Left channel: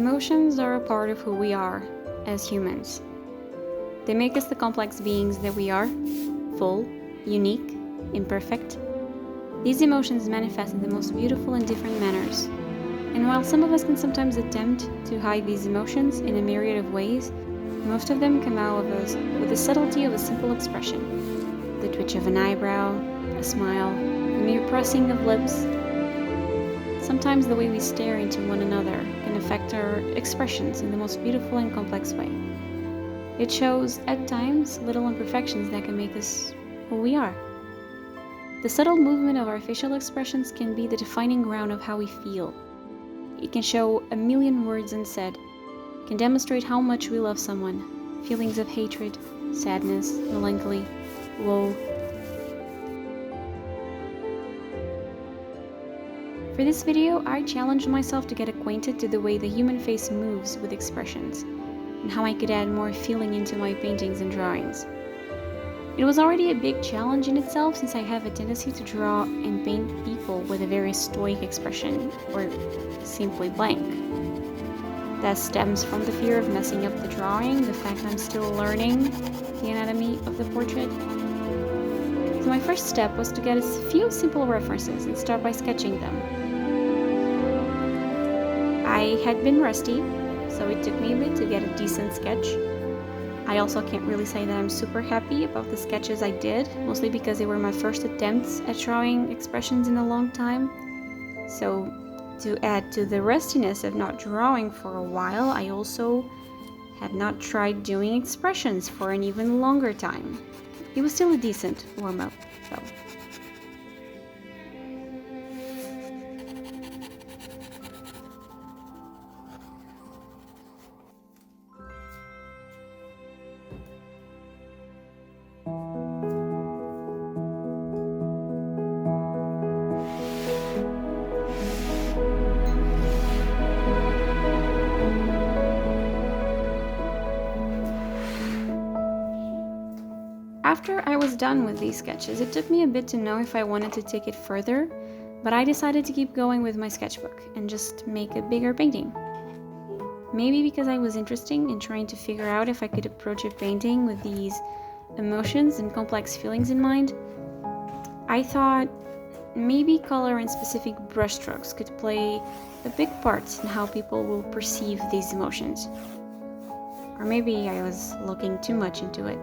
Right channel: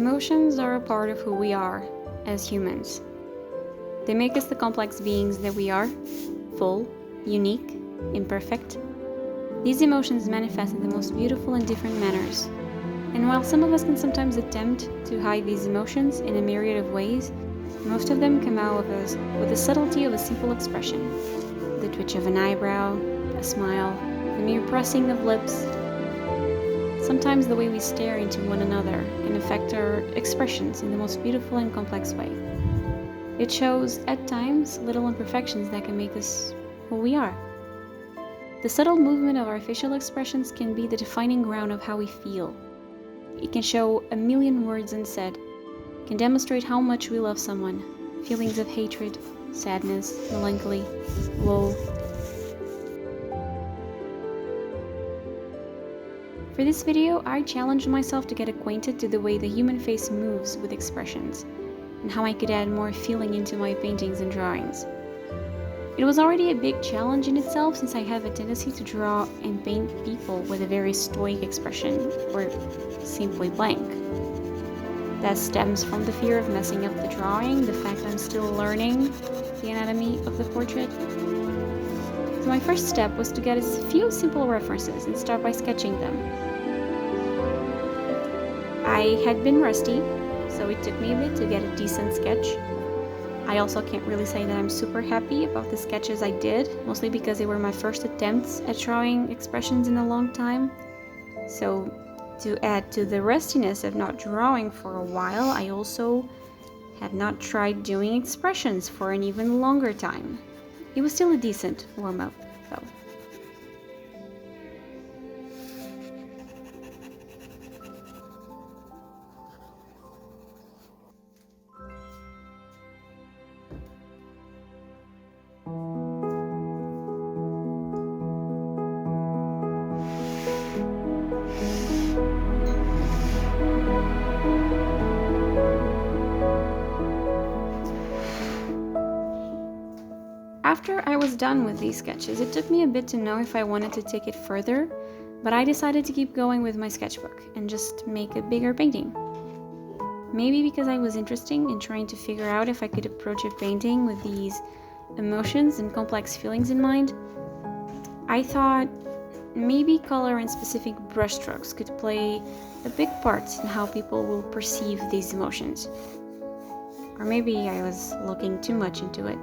Emotions are a part of who we are as humans. They make us the complex beings that we are, full, unique, imperfect. These emotions manifest in the most beautiful and different manners. And while some of us can sometimes attempt to hide these emotions in a myriad of ways, most of them come out of us with the subtlety of a simple expression. The twitch of an eyebrow, a smile, the mere pressing of lips. Sometimes the way we stare into one another can affect our expressions in the most beautiful and complex way. It shows, at times, little imperfections that can make us who we are. The subtle movement of our facial expressions can be the defining ground of how we feel. It can show a million words unsaid, can demonstrate how much we love someone, feelings of hatred, sadness, melancholy, woe. For this video, I challenged myself to get acquainted to the way the human face moves with expressions, and how I could add more feeling into my paintings and drawings. It was already a big challenge in itself, since I have a tendency to draw and paint people with a very stoic expression, or simply blank. That stems from the fear of messing up the drawing, the fact I'm still learning the anatomy of the portrait. So my first step was to get a few simple references and start by sketching them. I had been rusty, so it took me a bit to get a decent sketch. I also can't really say that I'm super happy about the sketches I did, mostly because they were my first attempts at drawing expressions in a long time. So to add to the rustiness of not drawing for a while, I also had not tried doing expressions for an even longer time. It was still a decent warm-up, though. After I was done with these sketches, it took me a bit to know if I wanted to take it further, but I decided to keep going with my sketchbook and just make a bigger painting. Maybe because I was interested in trying to figure out if I could approach a painting with these emotions and complex feelings in mind, I thought maybe color and specific brushstrokes could play a big part in how people will perceive these emotions. Or maybe I was looking too much into it.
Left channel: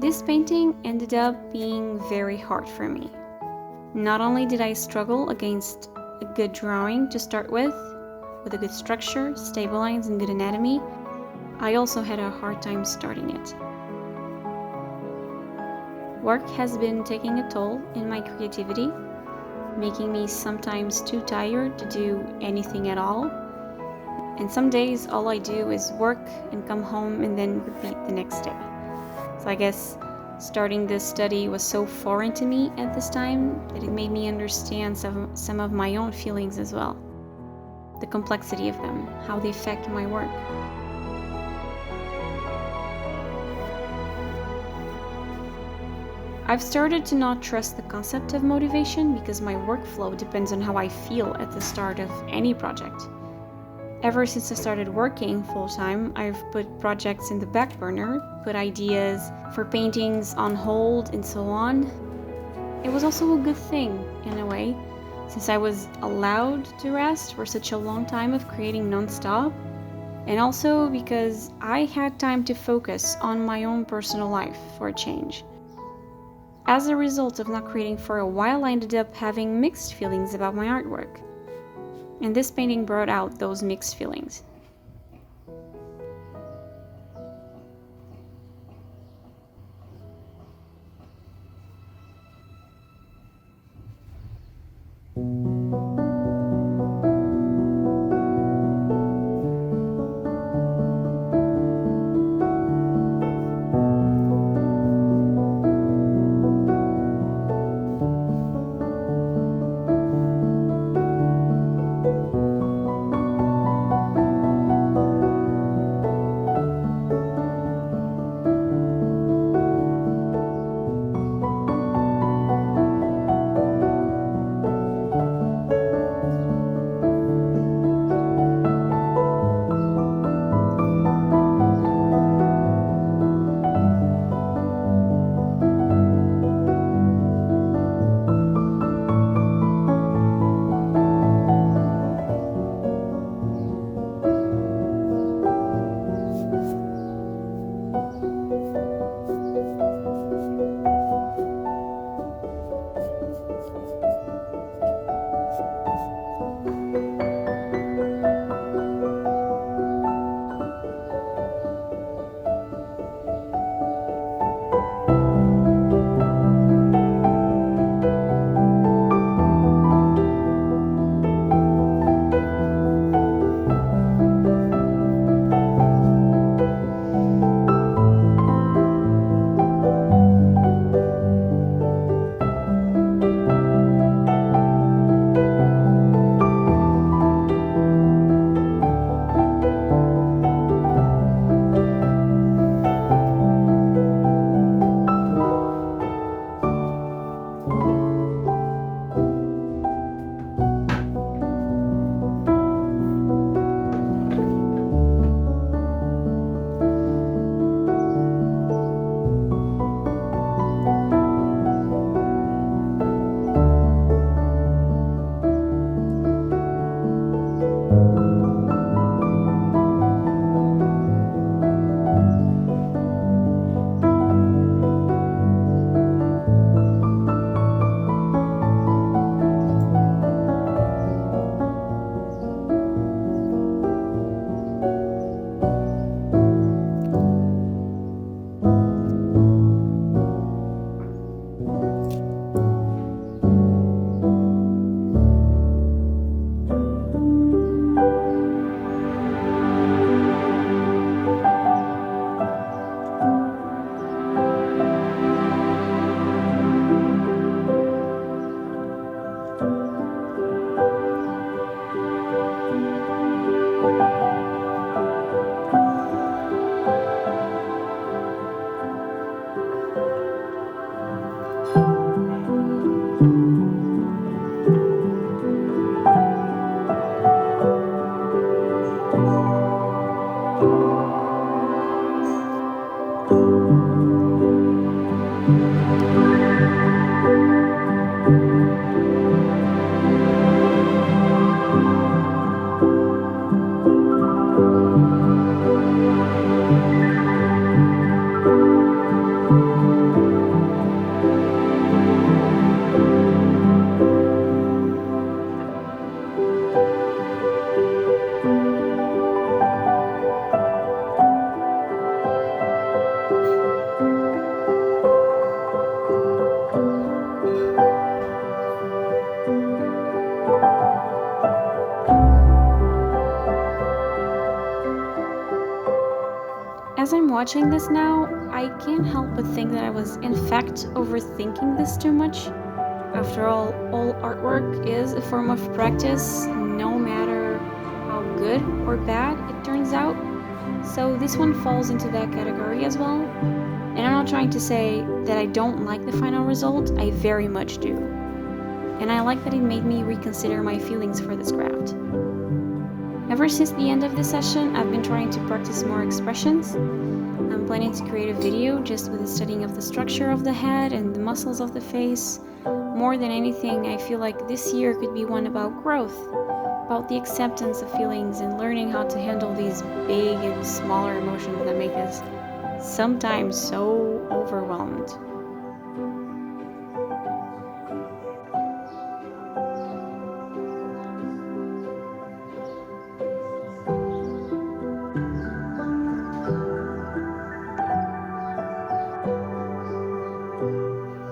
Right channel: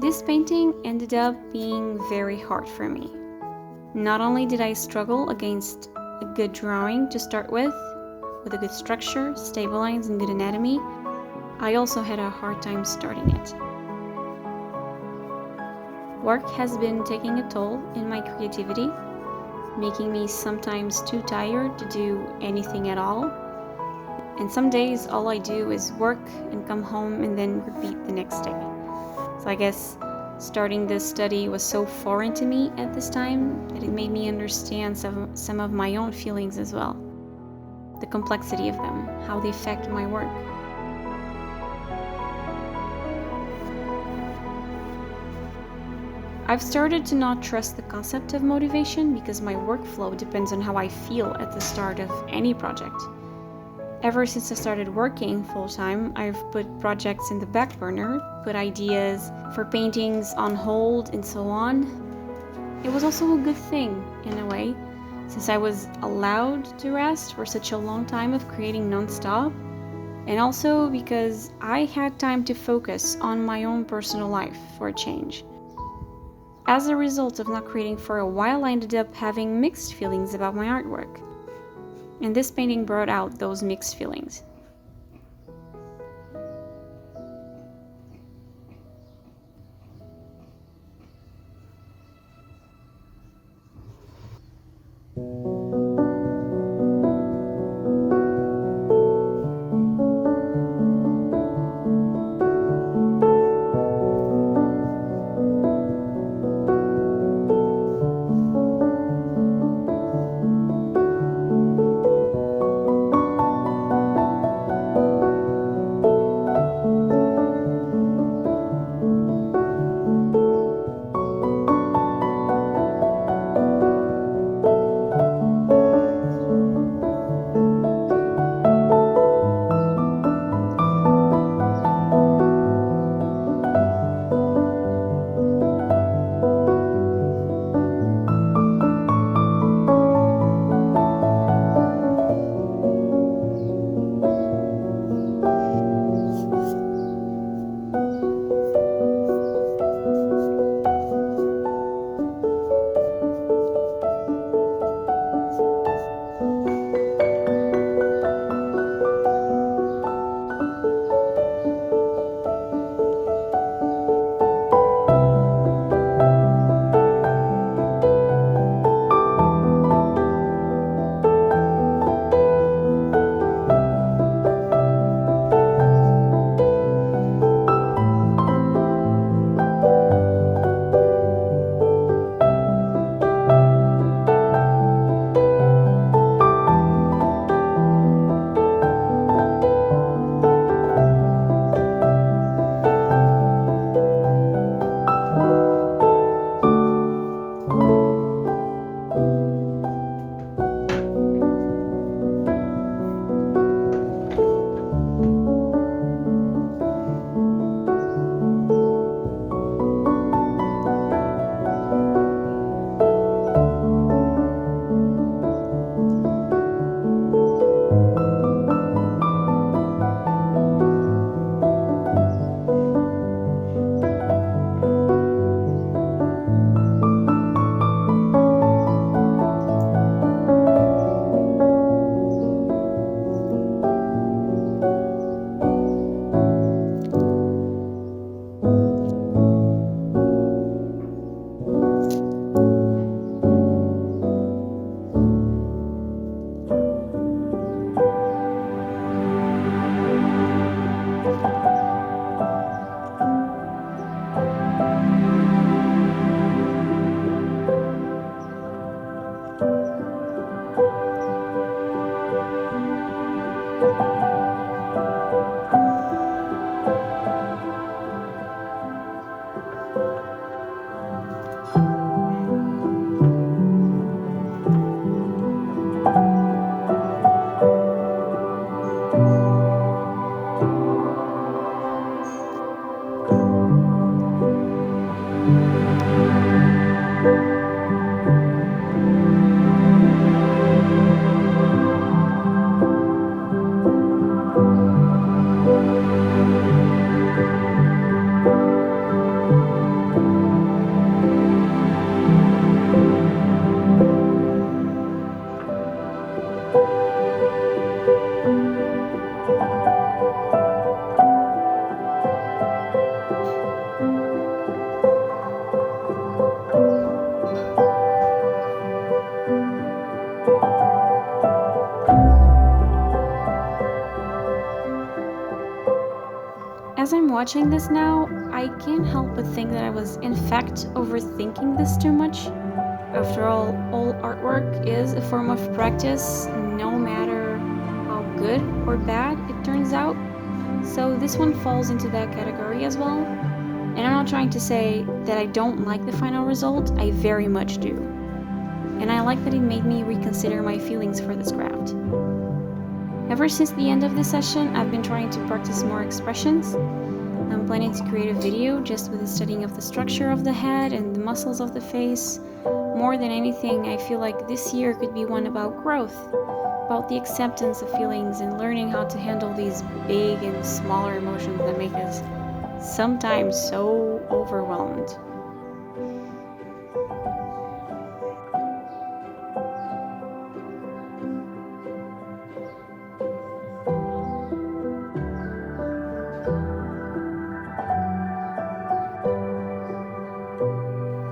This painting ended up being very hard for me. Not only did I struggle against a good drawing to start with a good structure, stable lines, and good anatomy, I also had a hard time starting it. Work has been taking a toll in my creativity, making me sometimes too tired to do anything at all. And some days all I do is work and come home and then repeat the next day. So I guess starting this study was so foreign to me at this time that it made me understand some of my own feelings as well. The complexity of them, how they affect my work. I've started to not trust the concept of motivation because my workflow depends on how I feel at the start of any project. Ever since I started working full-time, I've put projects in the back burner, put ideas for paintings on hold, and so on. It was also a good thing, in a way, since I was allowed to rest for such a long time of creating non-stop, and also because I had time to focus on my own personal life for a change. As a result of not creating for a while, I ended up having mixed feelings about my artwork. And this painting brought out those mixed feelings. As I'm watching this now, I can't help but think that I was in fact overthinking this too much. After all artwork is a form of practice, no matter how good or bad it turns out. So this one falls into that category as well. And I'm not trying to say that I don't like the final result, I very much do. And I like that it made me reconsider my feelings for this craft. Ever since the end of this session, I've been trying to practice more expressions. I'm planning to create a video just with the studying of the structure of the head and the muscles of the face. More than anything, I feel like this year could be one about growth, about the acceptance of feelings and learning how to handle these big and smaller emotions that make us sometimes so overwhelmed.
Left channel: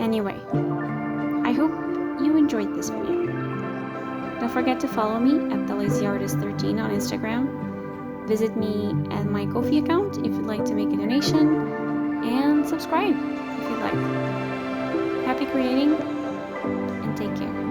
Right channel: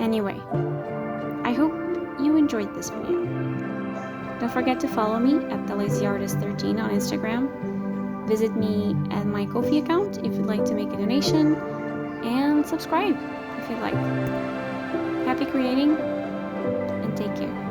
Anyway, I hope you enjoyed this video. Don't forget to follow me at thelazyartist13 on Instagram. Visit me at my Ko-fi account if you'd like to make a donation, and subscribe if you'd like. Happy creating, and take care.